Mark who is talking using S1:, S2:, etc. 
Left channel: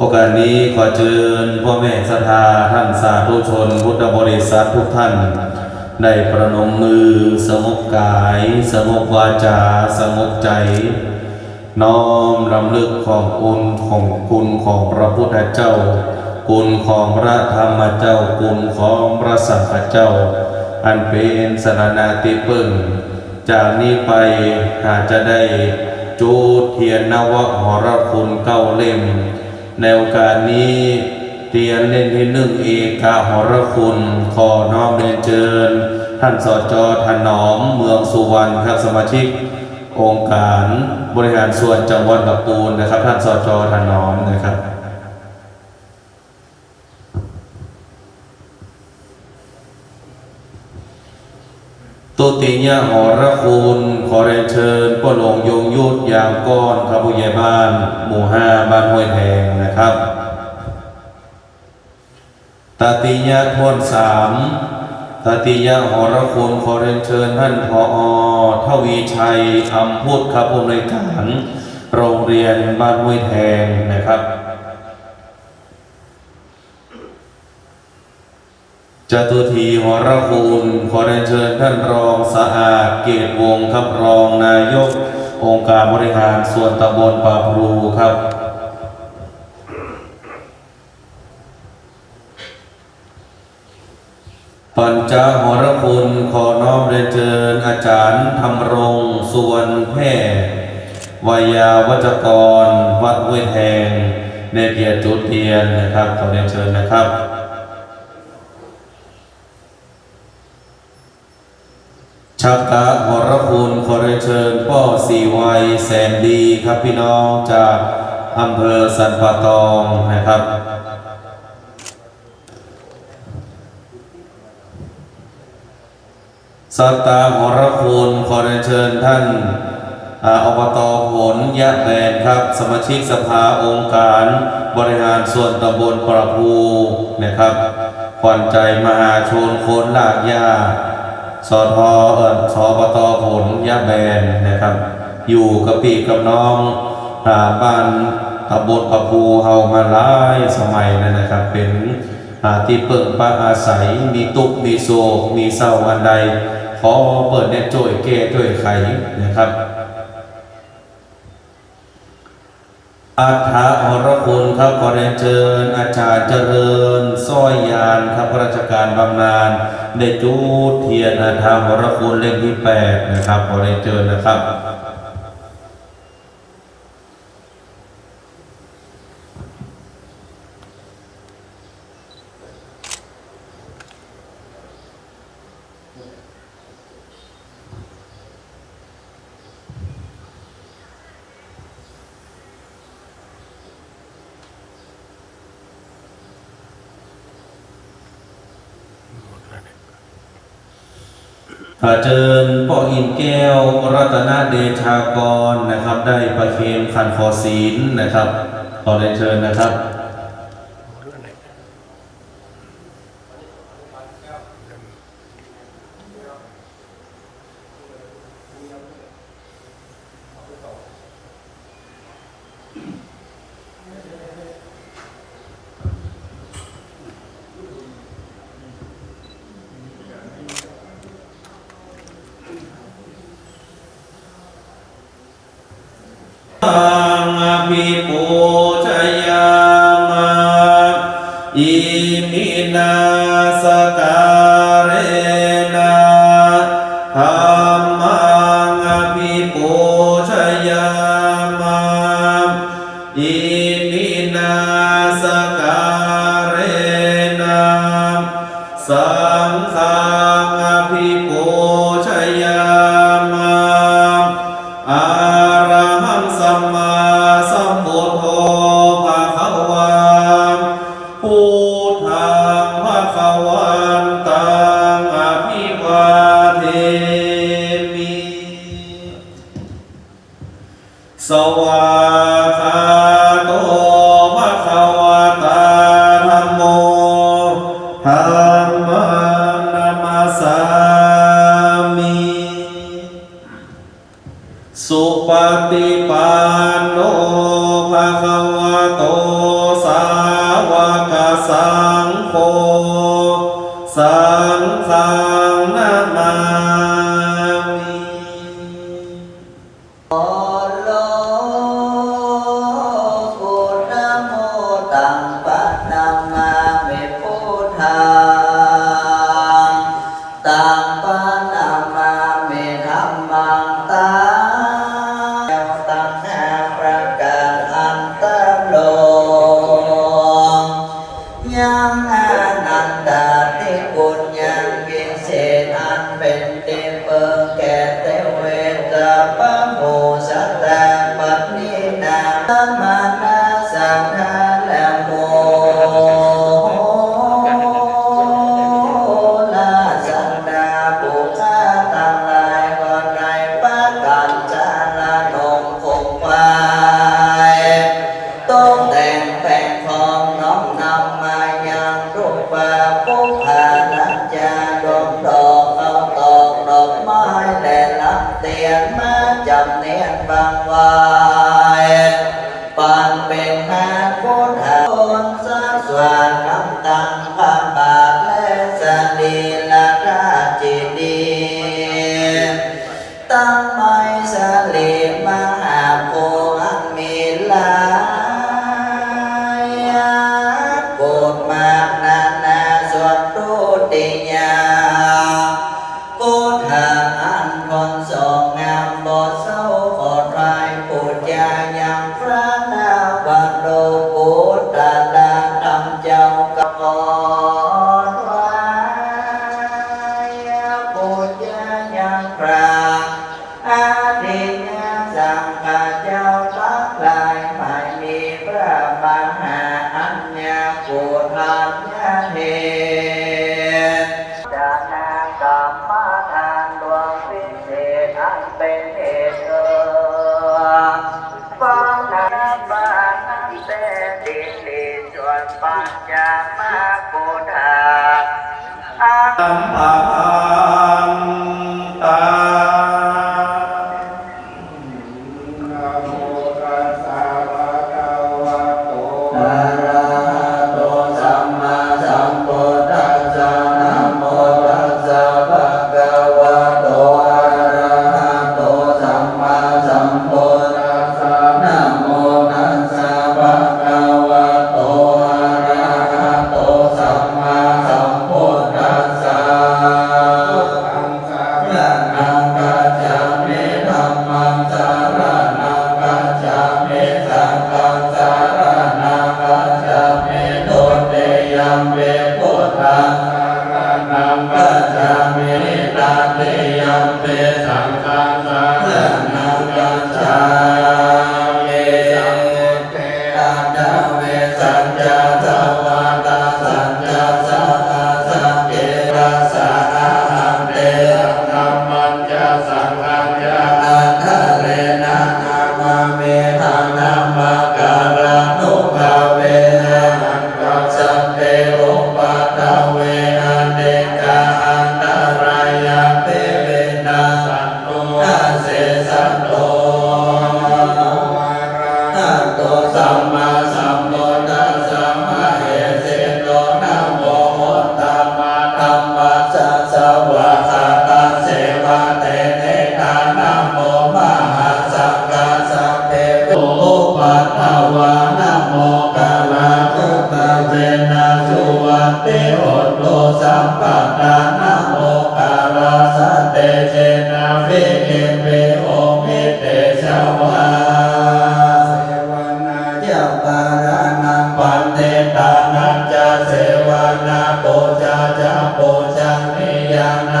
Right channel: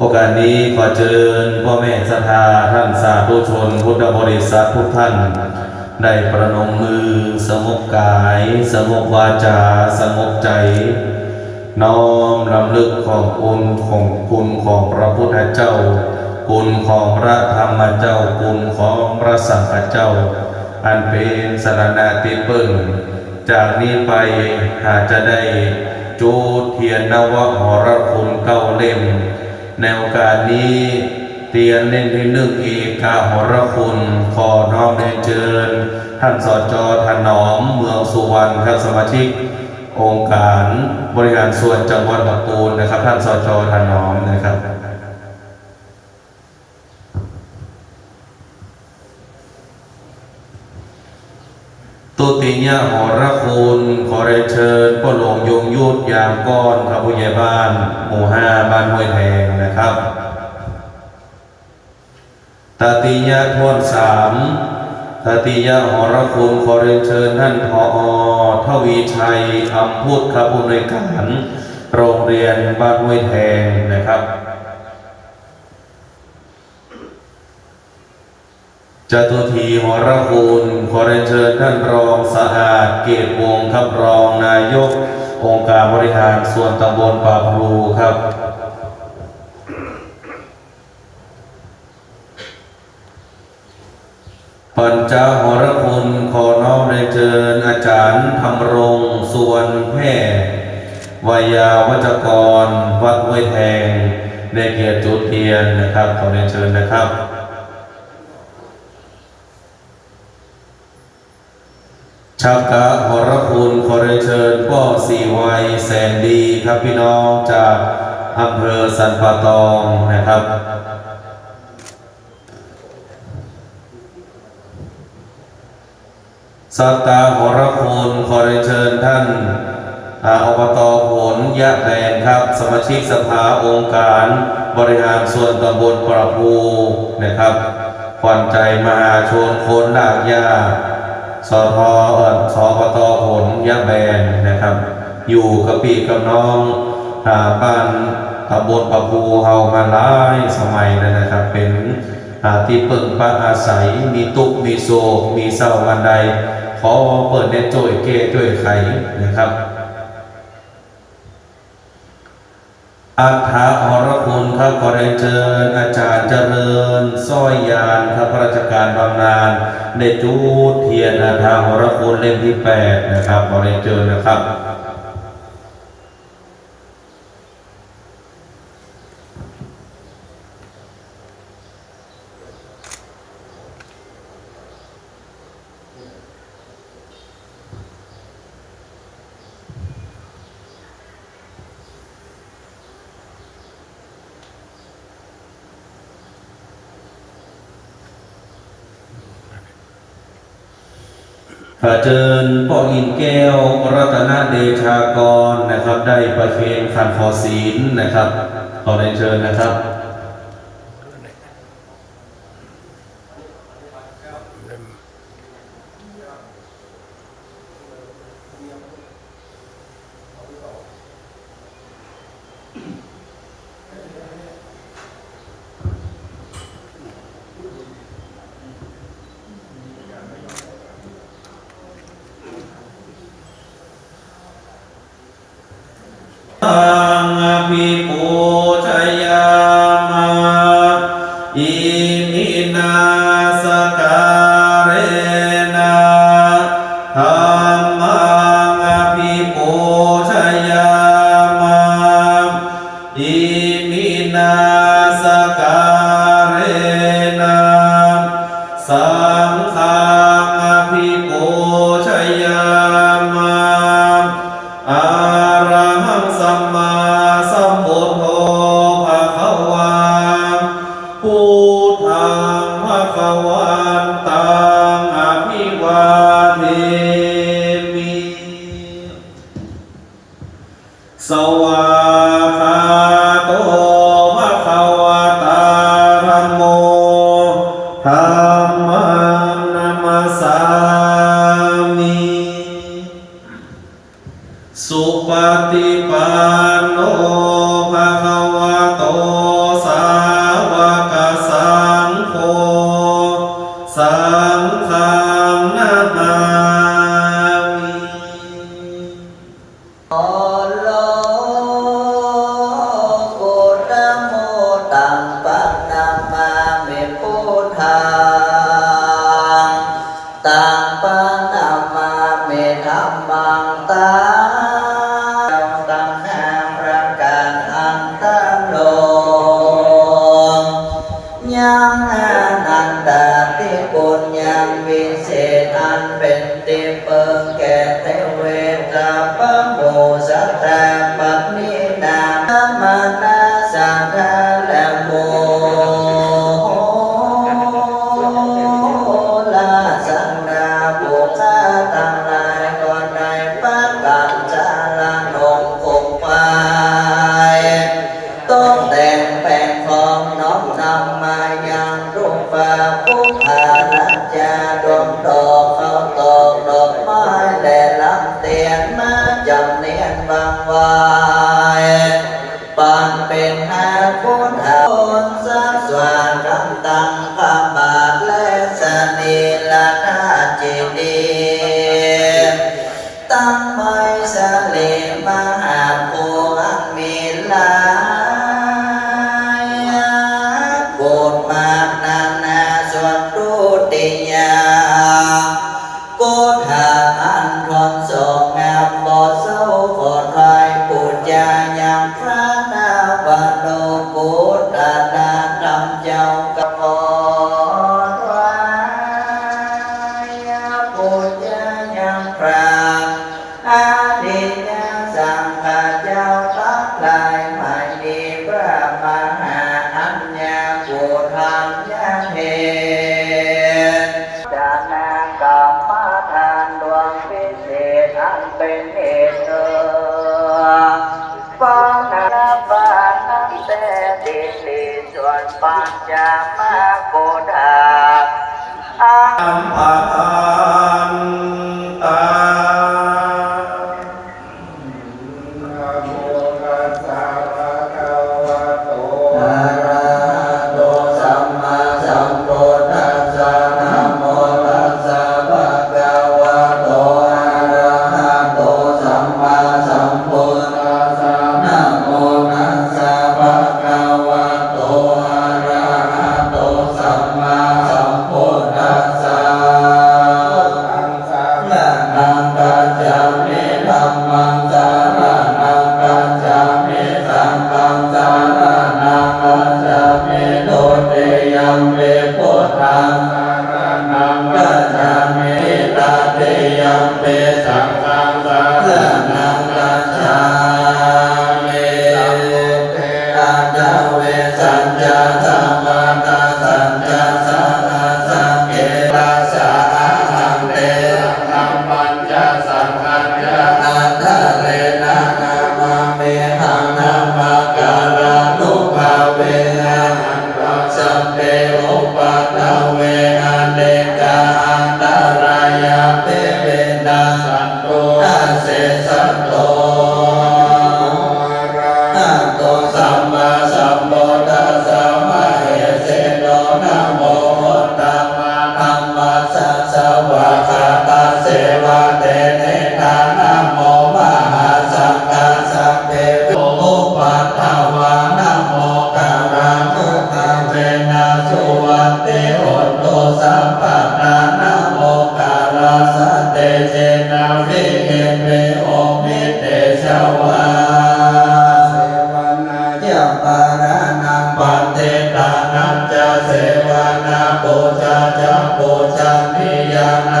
S1: โอกาสนี้ขอเชิญพ่อแม่ศรัทธาท่านสาธุชนพุทธบริษัททุกท่านได้ประนมมือสงบกาย สงบวาจา สงบใจ น้อมรำลึกของคุณของคุณของพระพุทธเจ้า คุณของพระธรรมเจ้า คุณของพระสังฆเจ้า อันเป็นสรณาติปึงจากนี้ไปอาจจะได้จูดเทียนนวะหรคุณเก้าเล่ม ในโอกาสนี้เรียนเล่นที่หนึ่งเอกาหรคุณ ขอน้อมเรียนเชิญ ท่านสจถนอมเมืองสุวรรณครับสมาชิก องค์การบริหารส่วนจังหวัดลำพูนนะครับ ท่านสจถนอมนะครับตุติยะหรคุณขอเรียนเชิญพ่อหลวงยงยุทธยามก้อนครับผู้ใหญ่บ้าน หมู่ห้าบ้านห้วยแทงนะครับ ตติยะทวนสามตติยะหรคุณขอเรียนเชิญท่านพอทวีชัยอัมพุทธครับผู้อำนการโรงเรียนบ้านห้วยแทงนะครับ จตุทีหรคุณขอเรียนเชิญท่านรองสะอาดเกตวงครับรองนายก องค์การบริหารส่วนตำบลป่าพลูครับ ปัญจหรคุณขอน้อมเรียนเชิญอาจารย์ธรรมรงสุวรรณแพทย์วายาวัจกร วัดห้วยแทงในเกียรติจุเทียนนะครับขอเรียนเชิญนะครับชักกะหรคุณขอเรียนเชิญพ่อสีวัยแสนดีครับพี่น้องจากอำเภอสันปะตองนะครับ สัตตาหรคุณขอเรียนเชิญท่านอาอบตผลยะแบนครับ สมาชิกสภาองค์การบริหารส่วนตำบลประภูนะครับขวัญใจมหาชนคนลากยาสทเอิญสปตผลยะแบนนะครับ อยู่กับปีกับน้องอาบ้านตำบลประภูเฮามาหลายสมัยนะครับ เป็นอาที่เปิ่งปักอาศัยมีตุกมีโศกมีเศร้าวันใด ขอเปิดเน็ตจ่วยเก้จ่วยไขนะครับ อาถาอรคุณครับขอเรียนเชิญอาจารย์เจริญสร้อยยานครับราชการบำนาญในจูดเทียนอาถาอรคุณเล่มที่แปดนะครับขอเรียนเชิญนะครับ ขอเชิญพ่ออินแก้วรัตนเดชากรนะครับ ได้ประเคนขันขอศีลนะครับขอเรียนเชิญนะครับ โกชยา
S2: มามินาสการเนาสังขังภิโกชยามอาร さあ。tenha Amen. จัมโปจัมเมยาน